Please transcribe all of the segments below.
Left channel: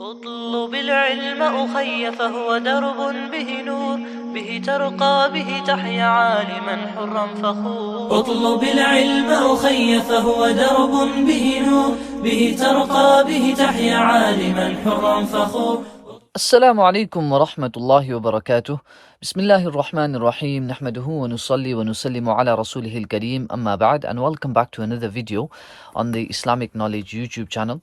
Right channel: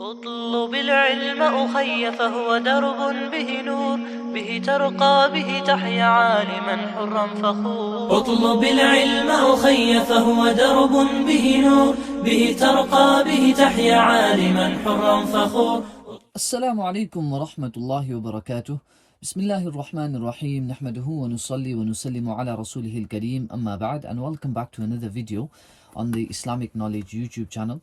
اطلب العلم أخي فهو درب به نور به ترقى به تحيا عالما حرا فخور. اطلب العلم أخي فهو درب به نور به ترقى به تحيا عالما حرا فخور. السلام عليكم ورحمة الله وبركاته. بسم الله الرحمن الرحيم. نحمده ونصلي ونسلم على رسوله الكريم. أما بعد, and welcome back to another video on the Islamic Knowledge YouTube channel.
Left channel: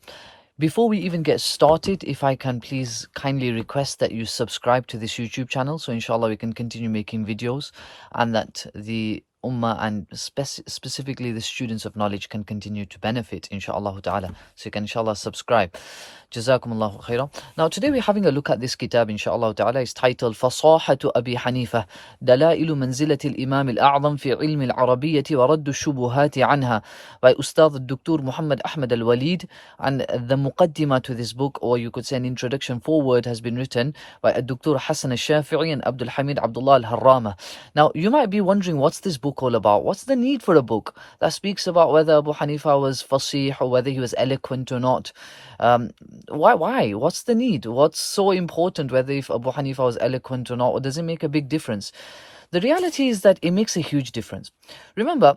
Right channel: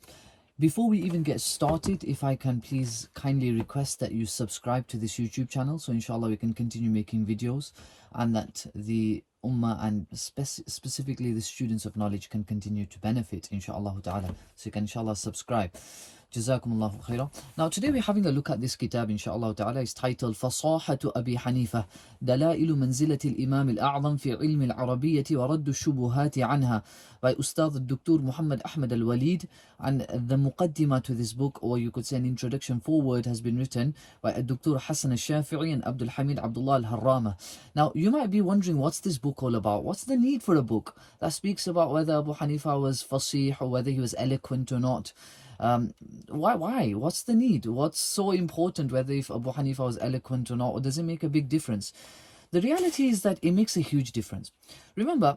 Before we even get started, if I can please kindly request that you subscribe to this YouTube channel, so inshallah we can continue making videos and that the ummah and specifically the students of knowledge can continue to benefit, inshallah ta'ala. So you can inshallah subscribe. Jazakumullahu khairah. Now today we're having a look at this kitab, inshallah ta'ala. It's titled Fasahatu Abi Hanifah, Dalailu Manzilati al-Imam al-A'zam fi ilm al-Arabiyyati wa raddu shubuhati anha, by Ustad Dr. Muhammad Ahmad al-Waleed. And the muqaddimah to this book, or you could say an introduction forward, has been written by Dr. Hassan al-Shafi'i and Abdul Hamid Abdullah al-Harrama. Now you might be wondering, what's this book all about? What's the need for a book that speaks about whether Abu Hanifa was fasih or whether he was eloquent or not? Why? What's the need? What's so important whether if Abu Hanifa was eloquent or not? Or does it make a big difference? The reality is that it makes a huge difference. Remember,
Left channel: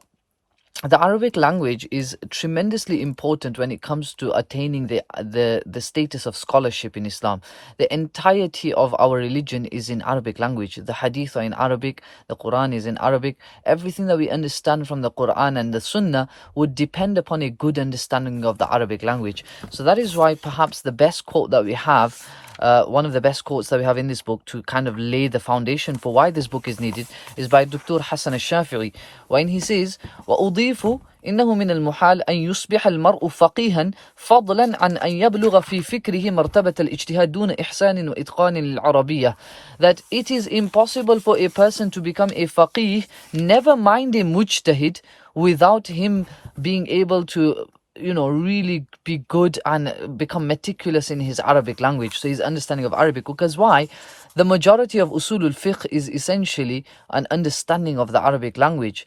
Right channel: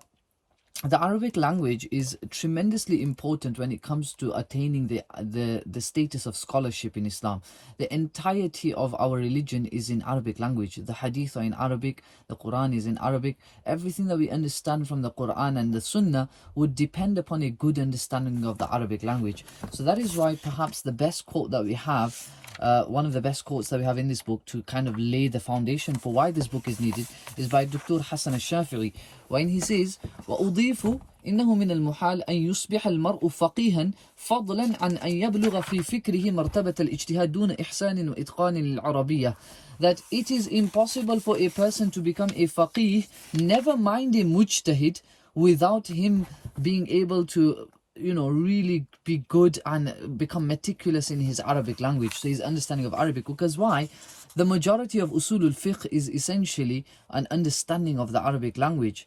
the Arabic language is tremendously important when it comes to attaining the status of scholarship in Islam. The entirety of our religion is in Arabic language. The hadith are in Arabic, the Quran is in Arabic. Everything that we understand from the Quran and the Sunnah would depend upon a good understanding of the Arabic language. So that is why perhaps the best quote that we have, one of the best quotes that we have in this book to kind of lay the foundation for why this book is needed, is by Dr. Hassan al-Shafi'i, when he says, وَأُضِيفُ إنه من المحال أن يصبح المرء فقيها فضلا عن أن يبلغ في فكره مرتبة الاجتهاد دون إحسان وإتقان للعربية. That it is impossible for a person to become a faqih, never mind a mujtahid, without him being able to really be good and become meticulous in his Arabic language, so his understanding of Arabic. Because why? The majority of usulul fiqh is essentially an understanding of the Arabic language,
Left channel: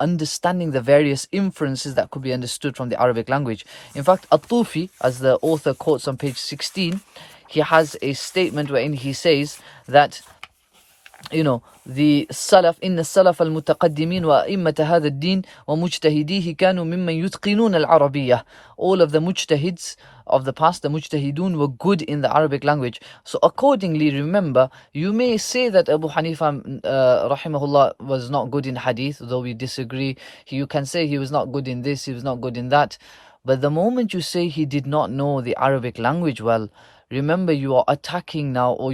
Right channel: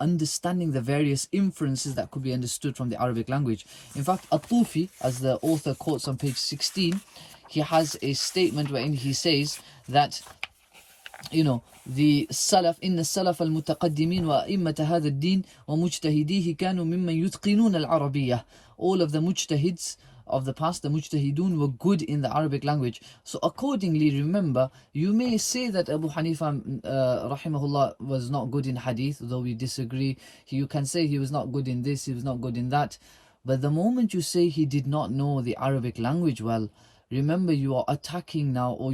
understanding the various inferences that could be understood from the Arabic language. In fact, At-Tufi, as the author quotes on page 16, he has a statement wherein he says that the Salaf, إن السلف المتقدمين وأئمة هذا الدين ومجتهديه كانوا ممن يتقنون العربية. All of the mujtahids of the past, the mujtahidun, were good in the Arabic language. So accordingly, remember, you may say that Abu Hanifa rahimahullah was not good in hadith, though we disagree. You can say he was not good in this, he was not good in that. But the moment you say he did not know the Arabic language well, remember, you are attacking now, or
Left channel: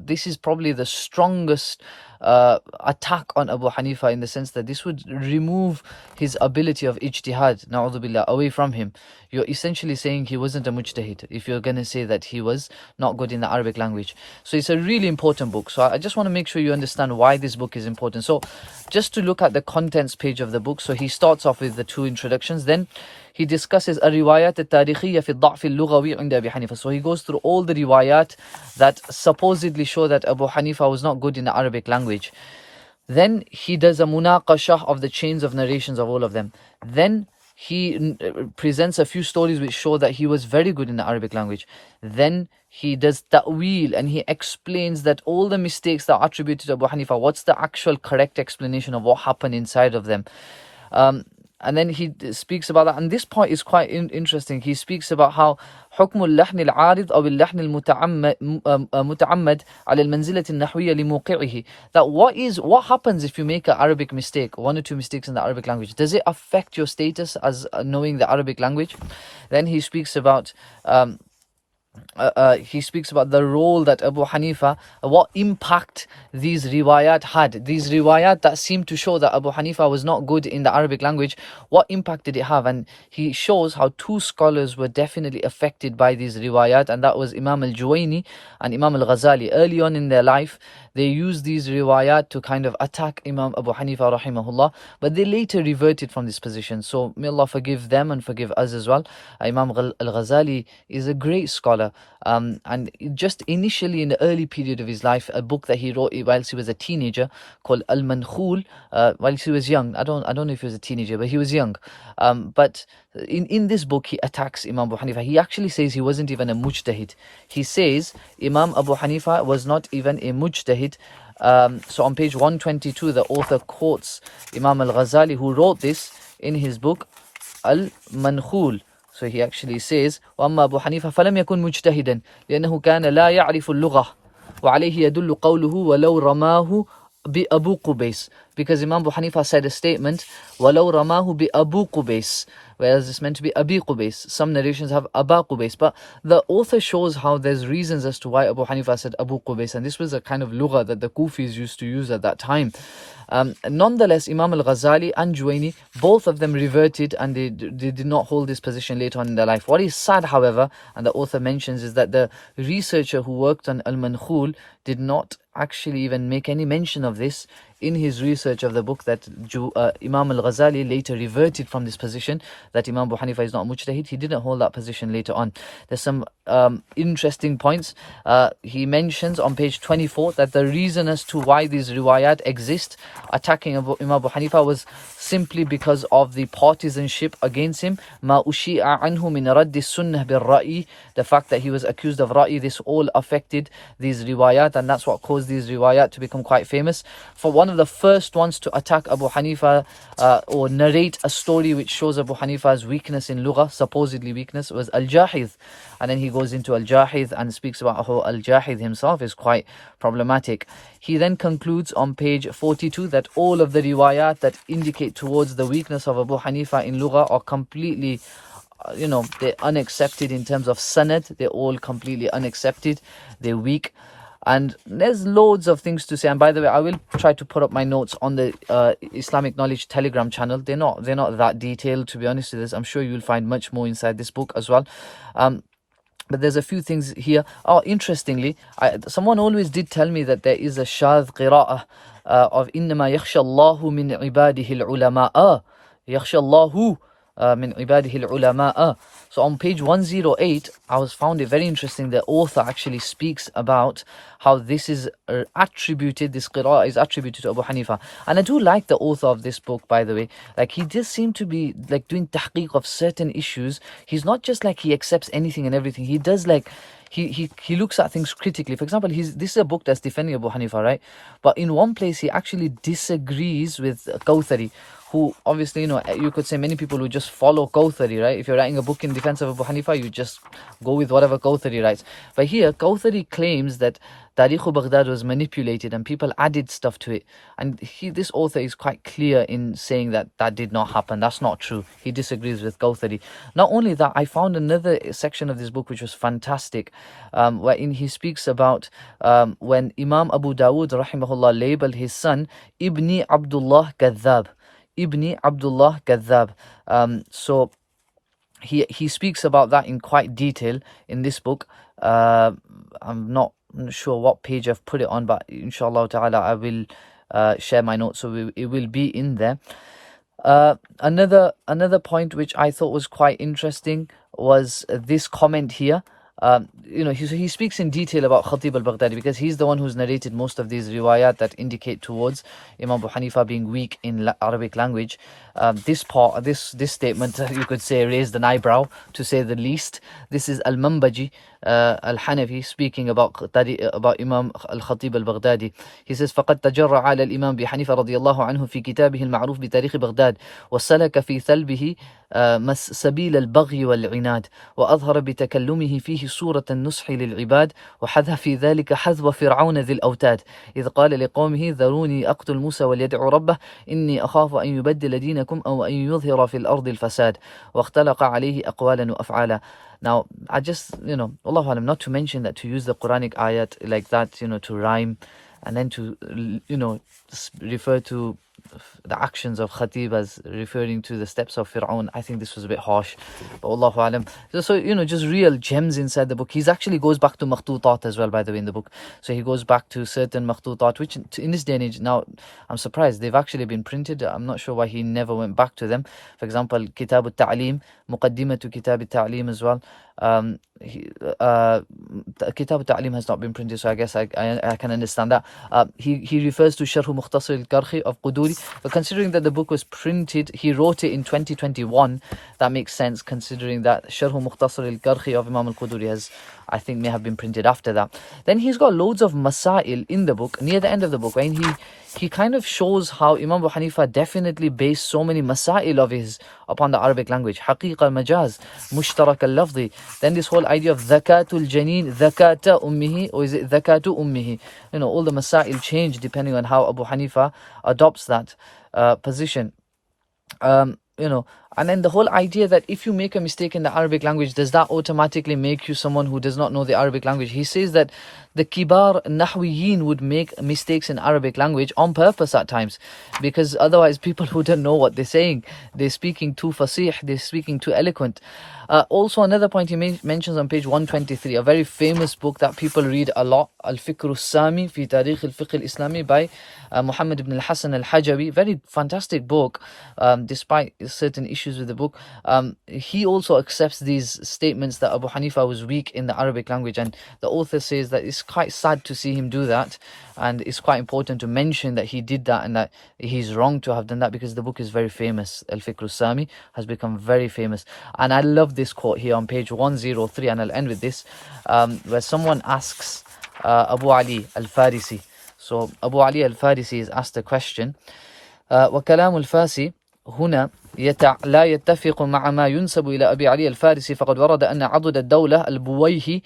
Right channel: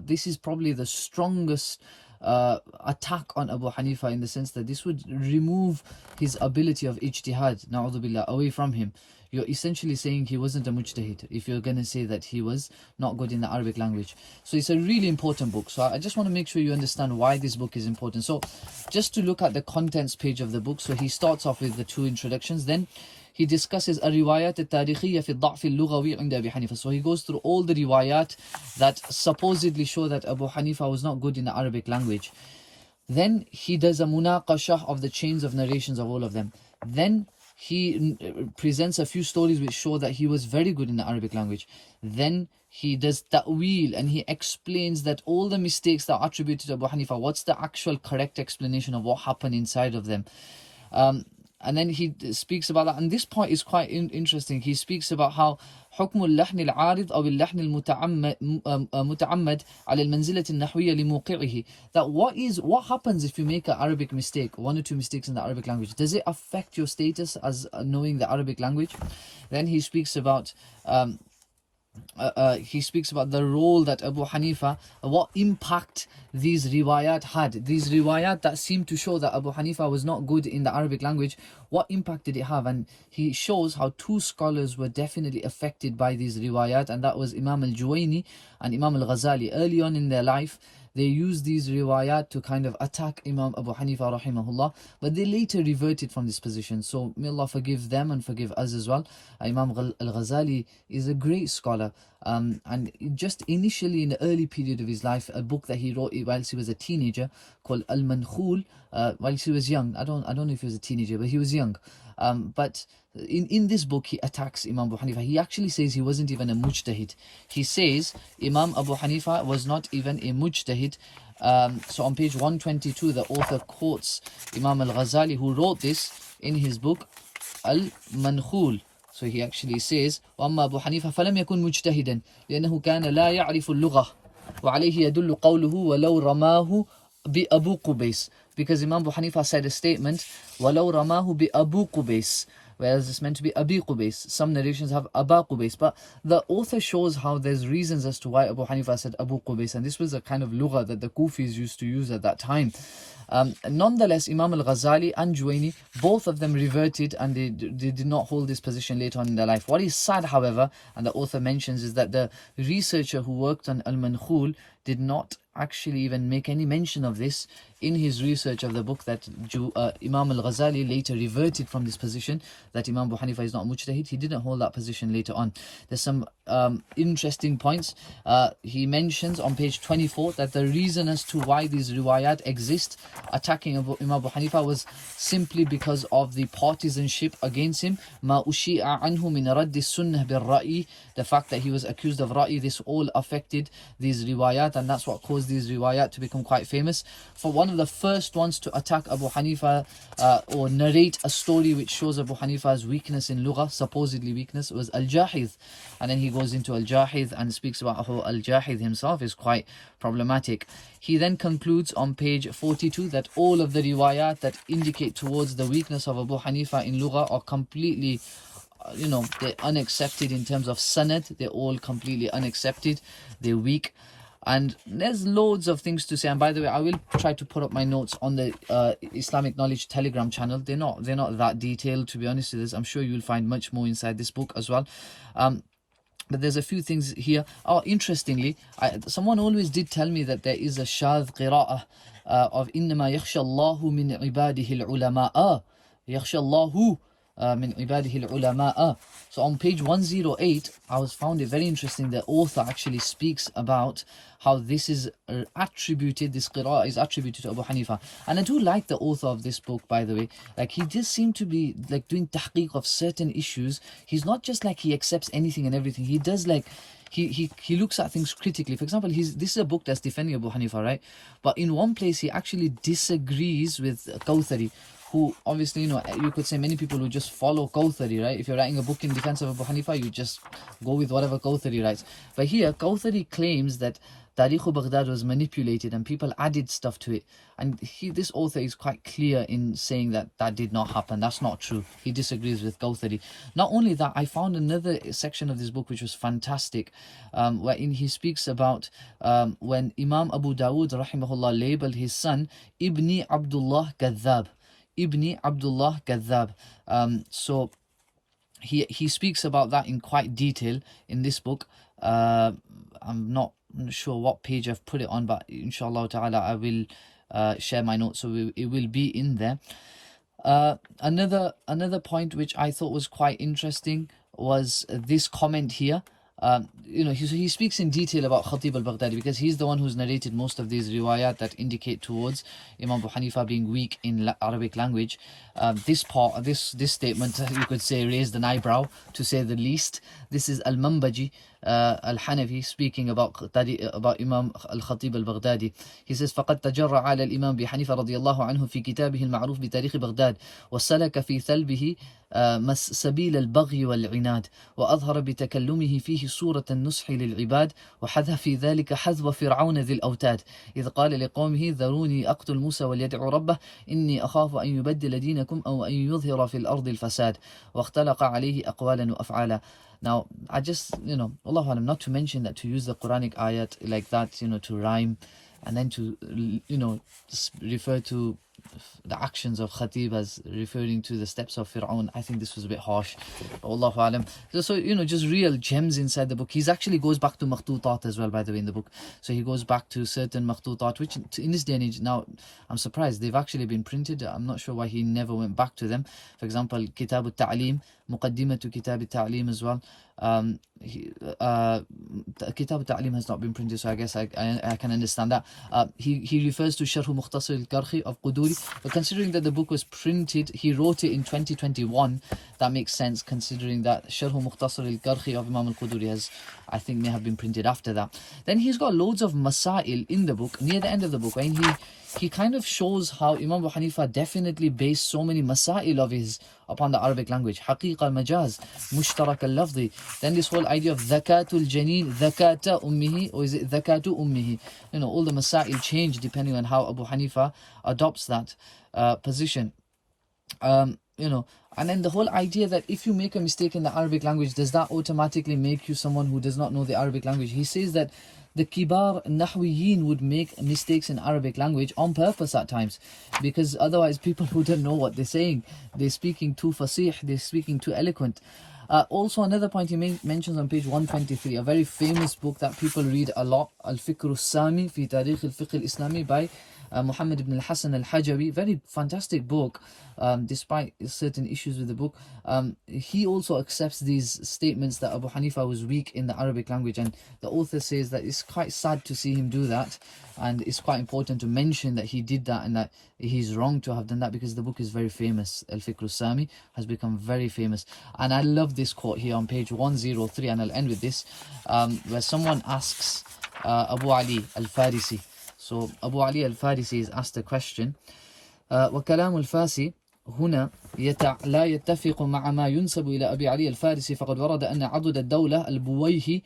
this is probably the strongest attack on Abu Hanifa, in the sense that this would remove his ability of ijtihad, na'udhu billah, away from him. You're essentially saying he wasn't a mujtahid if you're going to say that he was not good in the Arabic language. So it's a really important book. So I just want to make sure you understand why this book is important. So just to look at the contents page of the book. So he starts off with the two introductions, then he discusses الروايات التاريخية في الضعف اللغوي عند أبي حنيفة. So he goes through all the riwayat that supposedly show that Abu Hanifa was not good in the Arabic language. Then he does a munaqashah of the chains of narrations of all of them. Then he presents a few stories which show that he was very good in the Arabic language. Then he does ta'wil, and he explains that all the mistakes that are attributed to Abu Hanifa, what's the actual correct explanation of what happened inside of them. And then he speaks about that. And this point is quite interesting. He speaks about how حكم اللحن العارض أو اللحن المتعمد على المنزلة النحوية لموقعه. That what happens if you make an Arabic mistake, one or two mistakes in the Arabic language? Does it affect your status as knowing the Arabic language? Then he speaks about the role that Abu Hanifa, what impact these riwayat had. These riwayat that seem to show that Abu Hanifa was not good in the Arabic language, what impact did it have? And he shows how two scholars were definitely affected by these riwayat, and that was Imam al-Juwayni and Imam al-Ghazali. Early on in their life, they used these riwayat to kind of attack Imam Abu Hanifa rahimahullah, but they later reverted from this position. So may Allah forgive them and forgive us as well. Imam al-Ghazali is a great scholar, and just initially in the early period of his life, a book that he wrote whilst he was a teenager called Al-Mankhul, whilst he was young. I don't know if he was a teenager, but he was young. But in this book, he attacks Imam Abu Hanifa. He actually says he wasn't even a mujtahid. He says Imam Abu Hanifa was not even a mujtahid. So on page 122, the author quotes Imam al-Ghazali, who wrote this in his book al-Mankhul. So he actually says, وَأَمَّا أَبُو حَنِيفَةَ فَلَمْ يَكُنْ مُجْتَهِدًا لأنه كان لا يعرف اللغة وعليه يدل قوله ولو رماه بأبو قبيس. Because Imam Abu Hanifa said a statement, وَلَوْ رَمَاهُ بِأَبُو قُبَيْس, whereas it's meant to be Abi Qubais. Some narrations have Aba Qubais, but the author shows how there's reasons as to why Abu Hanifa said Abu Qubais, and this was a kind of lugha that the Kufis used to use at that time. Nonetheless, Imam al-Ghazali and Juwayni, both of them reverted, and they did not hold this position later on in their life. What is sad, however, and the author mentions, is that the researcher who worked on al-Mankhul did not actually even make any mention of this in his research of the book, that Imam al-Ghazali later reverted from this position, that Imam Abu Hanifa is not mujtahid. He didn't hold that position later on. There's some interesting points. He mentions on page 24 that the reason as to why these riwayat exist attacking Imam Abu Hanifa was simply because of the partisanship against him. ما أشيع عنه من رد السنة بالرأي, the fact that he was accused of ra'i, this all affected these riwayat, and that's what caused these riwayat to become quite famous. For one of the first ones to attack Abu Hanifa or narrate a story which shows Abu Hanifa's weakness in lugha, supposedly weakness, was al-Jahidh. And then he goes into al-Jahidh and speaks about how al-Jahidh himself is quite problematic. He then concludes on page 42 that all of the riwayat that indicate towards the weakness of Abu Hanifa in lugha are completely, they're unaccepted in terms of sanad. They're all completely unaccepted. They're weak. And there's loads of things to say. And by the way, I will try to put up my notes on the Islamic Knowledge Telegram channel. They're not that detailed, to be honest with this. I'm sure you'll find much more inside this book as well. But there's a few things here. Oh, interestingly, someone always did tell me that there is a shadh qira'ah of إِنَّمَا يَخْشَى اللَّهُ مِنْ عِبَادِهِ الْعُلَمَاءَ يَخْشَى اللَّهُ min ibadihi al-ulama. So on page 108, I found it very interesting. The author actually speaks about how this is attributed, this qira'ah is attributed to Abu Hanifa. And I do like the author of this book, by the way. Like, he does seem to be like doing tahqiq of certain issues. He's not just like he accepts anything and everything. He does like, he looks at things critically. For example, this is a book that's defending Abu Hanifa, right? But in one place, he actually disagrees with Kawthari, who obviously, you could say many people who just follow Kawthari, right? If you're writing a book in defense of Abu Hanifa, you just go with whatever Kawthari writes. But here, Kawthari claims that Tariq Baghdad was manipulated and people added stuff to it. And this author is quite clear in saying that that did not happen. That's not true. He disagrees with Kawthari. Not only that, I found another section of this book which was fantastic, wherein he speaks about when Imam Abu Dawood, rahimahullah, labeled his son Ibni Abdullah Kadhab. Ibni Abdullah Kadhab. So he speaks about that in quite detail in this book. I'm not sure what page I've put it on, but inshallah ta'ala I will share my notes, so it will be in there. Another point which I thought was quite interesting was this comment here. He speaks in detail about Khatib al-Baghdadi because he's the one who's narrated most of these riwayat that indicate towards Imam Abu Hanifa being weak in Arabic language. This statement, you could say, raised an eyebrow, to say the least. This is al-Manbaji al-Hanafi speaking about Imam al-Khatib al-Baghdadi. He says, فَقَدْ تَجَرَّ عَلَى الإمام بحنيفة رضي الله عنه في كتابه المعروف بتاريخ بغداد وسلك في ثلبه سبيل البغي والعناد وأظهر بتكلمه فيه صورة النصح للعباد وحذف في ذلك حذو فرعون ذي الأوتاد إذ قال لقومه ذروني أقتل موسى وليدعو ربه إني أخاف أن يبدل دينكم أو أن يظهر في الأرض الفساد واختلق عليه أقوالا وأفعالا. Now, I just, Wallahu alam, not to mention that to use the Quranic ayat like that, to rhyme, and then to, refer to the actions of Khatib as referring to the steps of Fir'aun, I think this was a bit harsh. But Allahu alam. So, just real gems inside the book. He actually goes back to makhtutat as well, by the way, in the book. So he goes back to certain makhtutat, which in this day and age, now, I'm surprised, they've actually been printed. I'm not sure why he never went back to them. For example, Kitab al-Ta'lim Muqaddimatu Kitab al-Ta'lim as well. Kitab al-Ta'lim has not been printed, so I guess I can understand that. He refers to Sharh Mukhtasar al-Karhi of Quduri, but considering that the book was printed, he wrote it in 2021, that makes sense considering that Sharh Mukhtasar al-Karhi of Imam al-Quduri has, I think, may have been printed after that. Then he's got loads of masail in the book, near the end of the book, and he kind of shows how Imam Abu Hanifa definitely based so many masail of his upon the Arabic language. Haqiqa majaz, mushtarak al-lafzi. Then this whole idea of zakatul janeen, zakata ummihi, or is it zakatu ummihi? You know, all the masail change depending on how Abu Hanifa adopts that position. You know, and then the whole idea that if you make a mistake in the Arabic language, does that automatically make you someone who does not know the Arabic language? He says that the kibar nahwiyin would make mistakes in Arabic language on purpose at times, because otherwise people wouldn't know what they're saying. They're speaking too fasih, they're speaking too eloquent. Also, another point he mentions on page 123, a very famous book that people read a lot, Al-Fikr al-Sami fi Tarikh al-Fiqh al-Islami by Muhammad ibn al-Hasan al-Hajawi. Very fantastic book, despite certain issues with the book. He also accepts these statements that Abu Hanifa was weak in the Arabic language, and the author says that it's quite sad to see him do that, and it's quite important to mention that he did that and that he's wrong to have done that, because the book is very famous. Al-Fikr al-Sami has become very famous. And I love this quote here on page 103, and I'll end with this, where someone asks Abu Ali al-Farisi. So Abu Ali al-Farisi is asked a question, وَكَلَامُ الْفَاسِ هنا لا يتفق مع ما ينسب إلى أبي علي الفارسي، فقد ورد أن عضد الدولة البويهي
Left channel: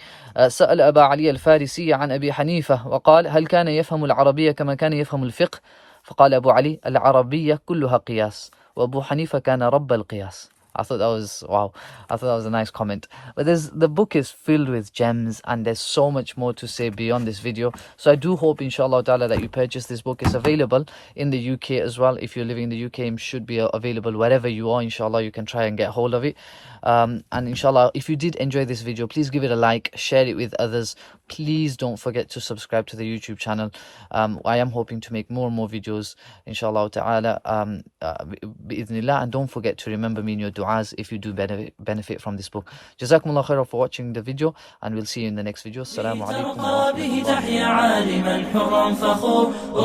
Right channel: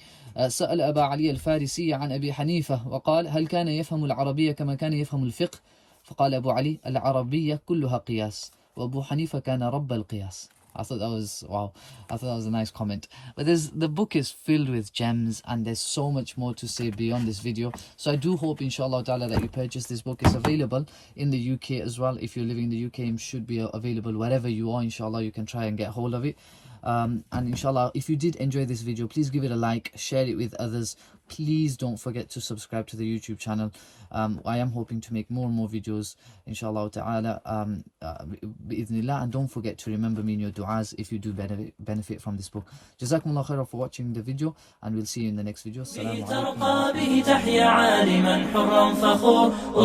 سأل أبا علي الفارسي عن أبي حنيفة وقال: هل كان يفهم العربية كما كان يفهم الفقه؟ فقال أبو علي: العربية كلها قياس، وأبو حنيفة كان رب القياس. I thought that was, wow, I thought that was a nice comment. But the book is filled with gems, and there's so much more to say beyond this video. So I do hope, inshallah ta'ala, that you purchase this book. It's available in the UK as well. If you're living in the UK, it should be available wherever you are. Inshallah, you can try and get hold of it. And inshallah, if you did enjoy this video, please give it a like, share it with others. Please don't forget to subscribe to the YouTube channel. I am hoping to make more and more videos, inshallah ta'ala, bi'idhnillah. And don't forget to remember me in your du'as if you do benefit from this book. Jazakumullah khairan for watching the video, and we'll see you in the next video. Assalamu alaikum.